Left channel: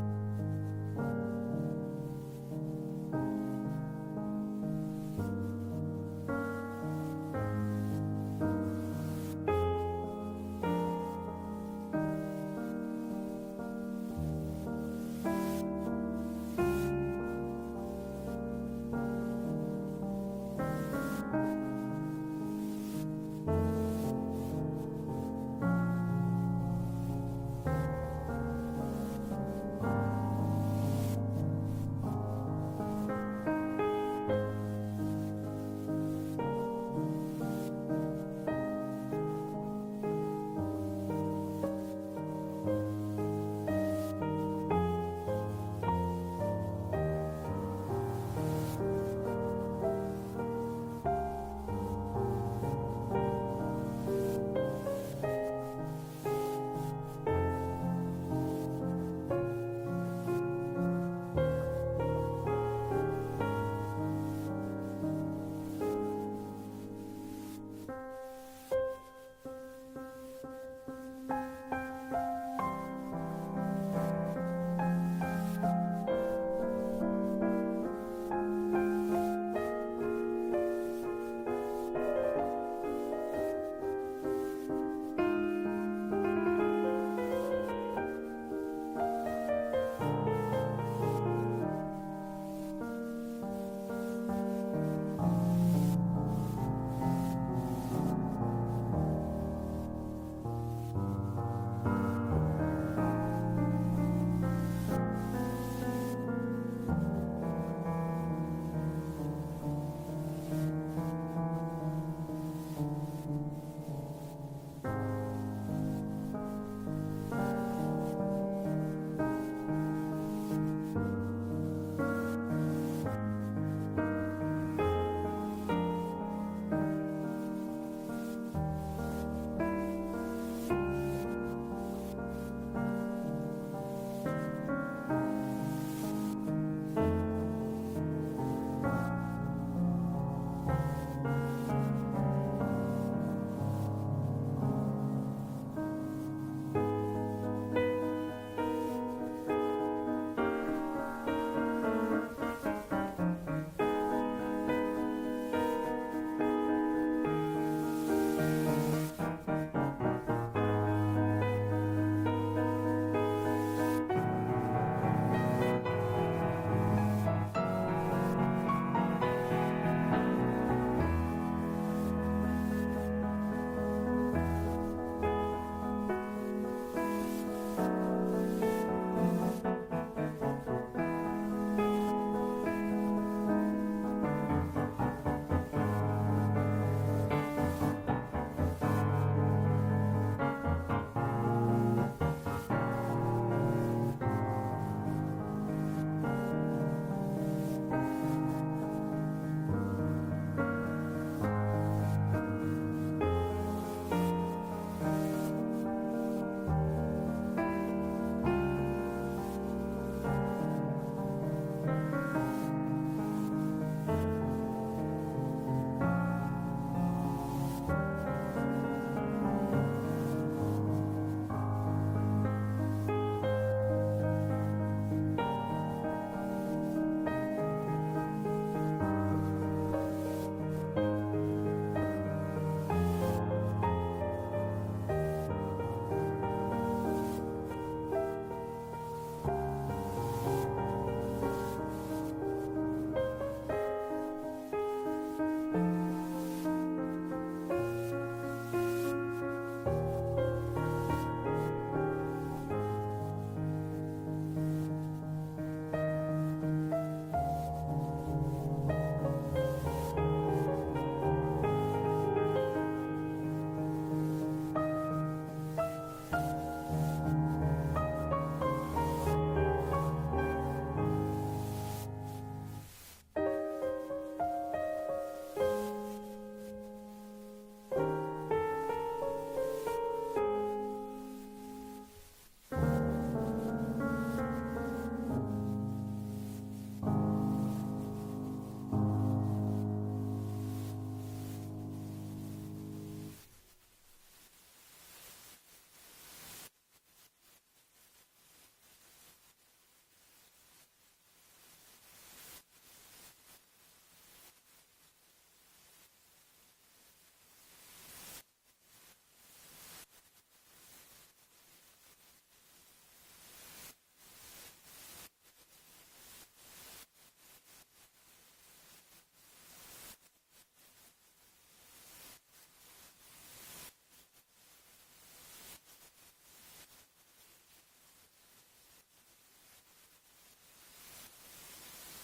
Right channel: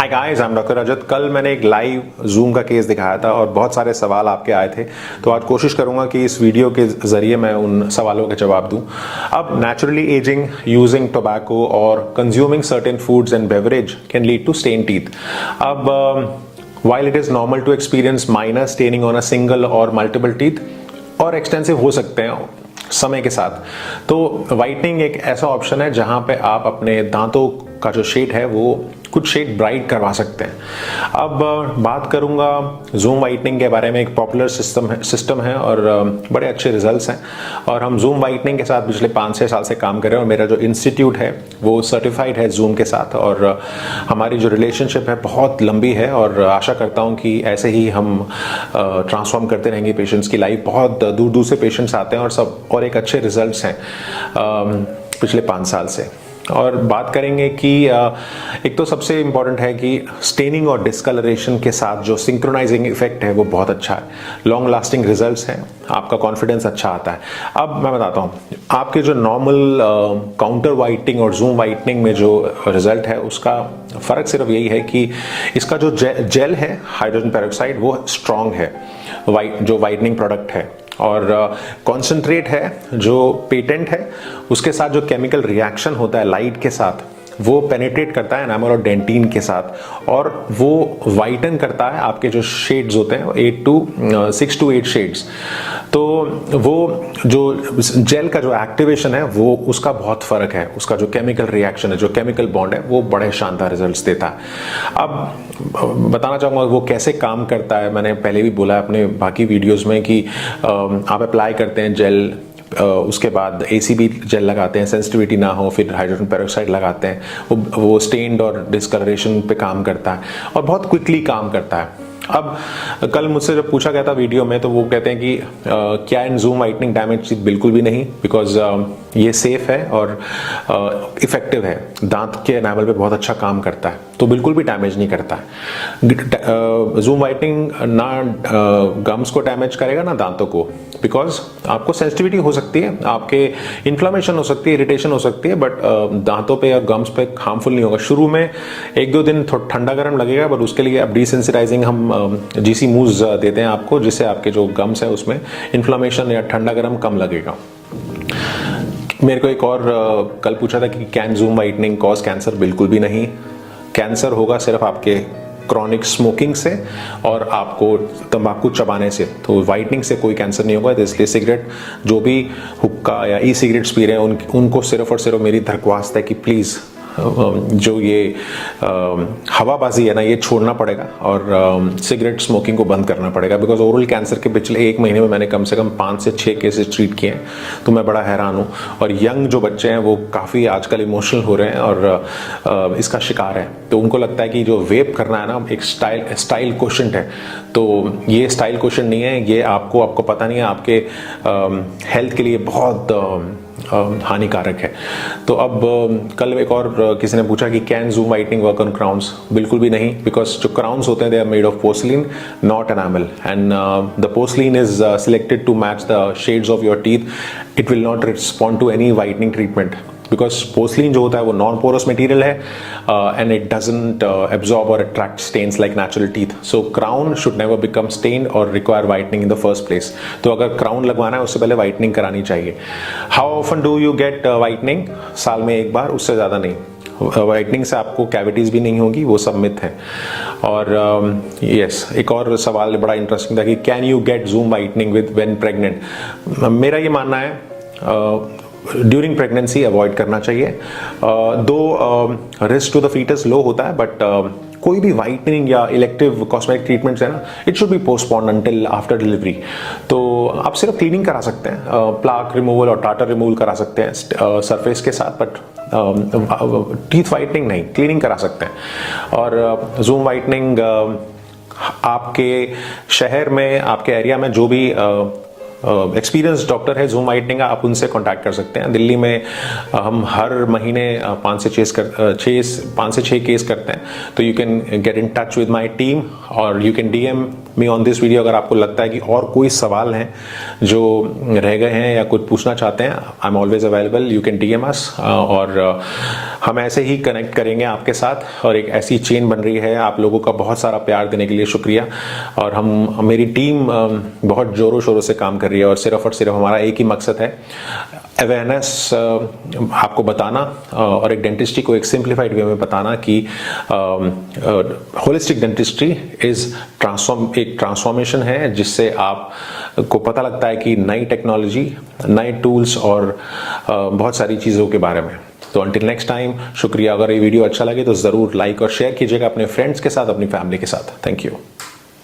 Hi guys, I am doctor Rajat. कल मैंने एक लाइव जूम का केस दिखाया था और बहुत सारे सवाल आपके आए थे, तो आज कोशिश करूंगा कि इस वीडियो के जरिए मैं उन सवालों के जवाब दूं। अब नेचुरली एजिंग यूजिंग टोबैको और consuming certain foods and beverage can lead to stain teeth. अब while it is normal to experience minor staining on a single or multiple teeth और एक्सटेंसिव हो सकते हैं समय के साथ, तो वाइटनिंग एक ऐसा ऑप्शन है जहां पे आप अपने दांतों का जो शेड है वो कुछ शेड ब्राइट करवा सकते हैं। अब बात करूंगा जूम वाइटनिंग के बारे में। एक पॉपुलर सिस्टम है और बड़े अच्छे रिजल्ट्स हैं, और हम जूम वाइटनिंग के साथ पिछले 5-6 साल से काम कर रहे हैं और मेरा जो इंस्टीट्यूट है वो सर्टिफाइड है जूम के साथ, और हमारी जो रिलेशनशिप है बहुत लंबी है और आशा करता हूं कि ऐसे ही हम ट्रांसफॉर्म करते रहेंगे पेशेंट्स की लाइफ। बहुत दूर दूर से पेशेंट्स आते हैं और एक अच्छे रिजल्ट्स हैं पिछले 5 साल से। और बात करेंगे कि एक तो सबसे इम्पॉर्टेंट है कि स्टेनिंग और डिस्कलरेशन के साथ जो सिंक्रोनाइजिंग इफेक्ट है वो बहुत अच्छा है, लॉन्ग लास्टिंग रिजल्ट्स हैं, आपका कॉन्फिडेंस अच्छा आता है। अब मैं बताता हूँ आपके जो नॉर्मल काउंटर वाइटनिंग और जूम वाइटनिंग में जो रिजल्ट है उसका फ़र्क सिर्फ यही है कि इसका जो जेल है हाइड्रोजन पेरोक्साइड वो स्ट्रॉन्ग है, जो वाइटनिंग प्रोडक्ट है, और कॉन्सेंट्रेट है जो पेटेंट है उसके साथ जो केमिकल रिएक्शन होता है लाइट के साथ वो पेनिट्रेट करता है एनामल और डेंटिन के साथ, और वो वाइटन करता है आपके जो शेड्स होते हैं 6 to 8 शेड्स। तो वो जो जेल का जो एक्टिवेशन है वो उसका बहुत फर्क है, उसका जो केमिकल रिएक्शन है, जो केमिकल बॉन्ड है वो बड़े शानदार रिजल्ट्स देता है। अब बताना चाहूँगा वो कैसे काम करता है। मैंने पहले भी बोला अपने बाकी वीडियोस में कि आप अप्लाई करते हैं जेल, उसके बाद ACB जेल लगाते हैं, सेंसिटिविटी ना हो, फिर हाइड्रोजन पेरोक्साइड लगाते हैं, वो स्टेन्ड और डिस्कलरेशन पे काम करता है और बहुत क्विकली काम करता है। अब कल मुझसे जब पूछा गया था वीडियो में तो वो कहते हैं कि क्या इन जूम वाइटनिंग डैमेज टीथ? बिल्कुल भी नहीं, बिकॉज ये सेफ है और इफेक्टिव है, दांत के एनामल पे बहुत अच्छा काम करता है, तो बिल्कुल भी डैमेज नहीं करता है। जूम वाइटनिंग ना गम्स को डैमेज करेगा ना दांतों को, बिकॉज आपको सेंसिटिविटी हो सकती है, आपके इन्फ्लेमेशन हो सकती है, इरिटेशन हो सकती है, बट दांतों पे और गम्स पे हार्मफुल नहीं होगा। शुरू में 1-2 दिन थोड़ा ठंडा गर्म लगेगा, बट उसके लिए अब डिसेंसिटाइजिंग हम GC मूव्स देते हैं आपको, जिससे आपके जो गम्स है उसमें इन्फ्लेमेशन या ठंडा गर्म कम लगेगा। मेरे को एक और कल पूछा था कि can zoom whitening cause cancer? बिल्कुल भी नहीं। कैंसर होगा सिर्फ आपके क्रॉनिक स्मोकिंग से और आपको तंबाकू चबाने से, तो वाइटनिंग से कोई कैंसर नहीं होगा। इसलिए सिगरेट, जो भी हुक्का या ई सिगरेट्स पी रहे हैं उनको सिर्फ और सिर्फ मेरी दरख्वास्त है कि प्लीज़ जो ये हवाबाजी है ना ये छोड़ना पड़ेगा और सिगरेट स्मोकिंग को बंद करना पड़ेगा, बिकॉज ओरल कैंसर के पिछले 1 महीने में मैंने कम से कम 5 से 6 केसेस ट्रीट किए हैं, तो मैं बड़ा हैरान हूँ। और यंग जो बच्चे हैं वो काफ़ी आजकल इमोशनल हो रहे हैं और इसका शिकार है, तो उनको लगता है कि जो वेप करना है ना एक स्टाइल क्वेश्चन है, तो ये स्टाइल क्वेश्चन नहीं है, ये आपको पता नहीं है, आपके हेल्थ के लिए बहुत हानिकारक है। तो अब कल एक और किसी ने पूछा कि can zoom whitening work on crowns? बिल्कुल भी नहीं, बिकॉज जो क्राउन्स होते हैं they are made of porcelain not enamel, and the porcelain is selected to match the shades of your teeth. It will not respond to any whitening treatment, because porcelain जो होता है वो non porous material है and it doesn't absorb or attract stains like natural teeth. So crown should never become stand और require whitening in the first place. तो अगर crown लगवाना है उससे पहले वाइटनिंग करानी चाहिए। How often do you get whitening? साल में 1 बार, उससे ज़्यादा नहीं। वाइटनिंग से आपको कैविटीज़ भी नहीं होगी, वो सब मिथ है। और यस, एक और सवाल बड़ा इंटरेस्टिंग था कि can you get zoom whitening with when pregnant? मेरा ये मानना है ड्यूरिंग प्रेगनेंसी अवॉइड करना चाहिए, दो रिस्क टू द फीटस लो होता है, बट कोई भी वाइटनिंग या इलेक्टिव कॉस्मेटिक ट्रीटमेंट्स है ना, it should be postponed until after delivery. तो आप सिर्फ क्लीनिंग करा सकते हैं, प्लाक रिमूवल और टाटर रिमूवल करा सकते हैं सरफेस के साथ, बट टीथ वाइटनिंग नहीं, क्लीनिंग करा सकते हैं। और जूम वाइटनिंग आपके शहर में, आपके एरिया में जो भी एक्सपीरियंस डॉक्टर है जूम वाइटनिंग का, आप उनसे कांटेक्ट कर सकते हैं। दिल्ली में हम हर महीने 5 से 6 केस करते हैं, तो you can get in touch with my team और you can DM me on this video अगर आपको लगता है कि और कोई सवाल हैं जो रह गए हैं या कुछ पूछना चाहते हैं। I am always available, you can DM अस और हम ऐसे ही कनेक्ट करेंगे आपके साथ और एक ऐसी चेन बन रही है। आप लोगों का बहुत सारा प्यार देने के लिए शुक्रिया। और मेरी टीम बहुत जोरों शोरों से काम कर रही है और सिर्फ हमारा एक ही मकसद है, अवेयरनेस आपको बताना और एक डेंटिस्ट्री को एक सिंप्लीफाइड वे में बताना कि होलिस्टिक डेंटिस्ट्री एक ट्रांसफॉर्मेशन है जिससे आप को पता लगता है कि नई टेक्नोलॉजी, नए टूल्स और बहुत सारी चीज़ों के बारे में। तो अंटिल नेक्स्ट टाइम, शुक्रिया। अगर ये वीडियो अच्छा लगे तो ज़रूर लाइक और शेयर कीजिएगा अपने फ्रेंड्स के साथ, अपनी फैमिली के साथ। Thank you.